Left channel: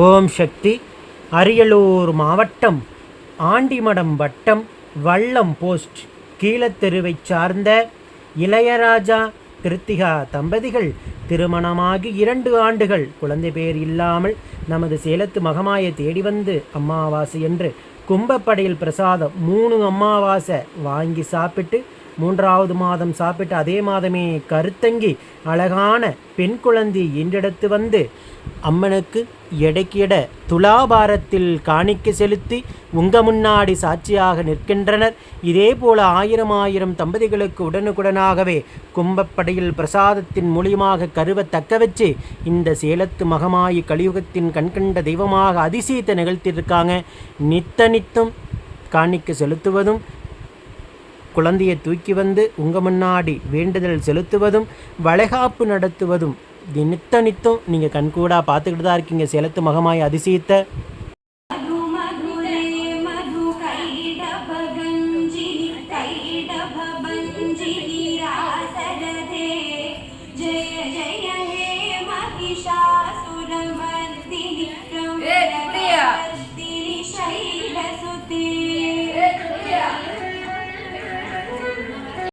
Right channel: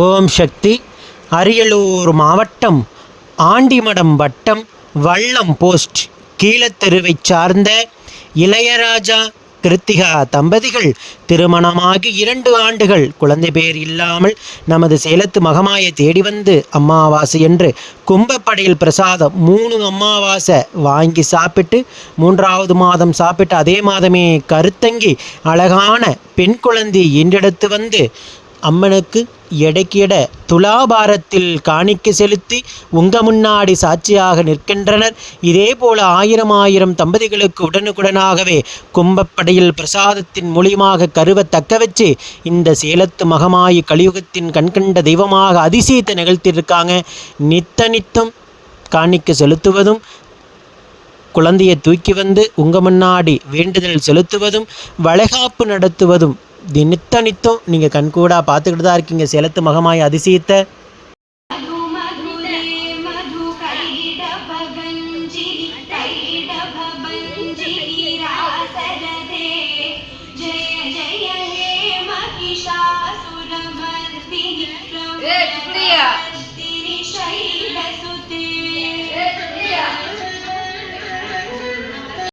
ஓம் சக்தி. அரியலூர் மாவட்டம் ஆண்டிமடம் வட்டம் வள்ளம் போஸ்ட் கீழத்தெருவைச் சார்ந்த இளையராஜா கிருத்திகா தம்பதிகள் திருமணமாகி இரண்டு ஆண்டுகள். குழந்தை பேர் இல்லாமல் நமது சேலத்து மகமாயை தேடி வந்து அமாவாசை என்று கும்பப்படையில் பிரசாதம் மூணு அமாவாசை வாங்கி சாப்பிட்டு மூன்றாவது மாதம் சாப்பிட்டு அதே மாதமே கருத்தங்கி அழகான பெண் குழந்தை என்றெடுத்து வந்து அம்மனுக்கு எடைக்கிட துலாபாரத்தில் காணிக்க செலுத்தி உங்க முன்னாடி சாட்சியாக நிற்கின்றனர். இதே போல ஆயிரம் ஆயிரம் தம்பதிகளுக்கு உடனுக்குடனாகவே கும்பப்படையில் பிரசாதத்தின் மூலியமாக கருவை தக்க வச்சு இந்த சேலத்து மகமாயி கலியுகத்தின் கண்கண்ட தெய்வமாக அதிசயத்தை நிகழ்த்தியிருக்காங்க. நித்த நித்தம் காணிக்க செலுத்துவதும் குழந்தையை தூக்கி வந்து உங்க முன்னாடி வேண்டுதல் செலுத்துவதும் வளைகாப்பு நடத்துவதும் நித்த நித்தம் நீங்கள் கண்கூடா பார்த்துக்கிட்டு தான் இருக்கீங்க. சேலத்து மகமாய் அதிசயத்தை मधु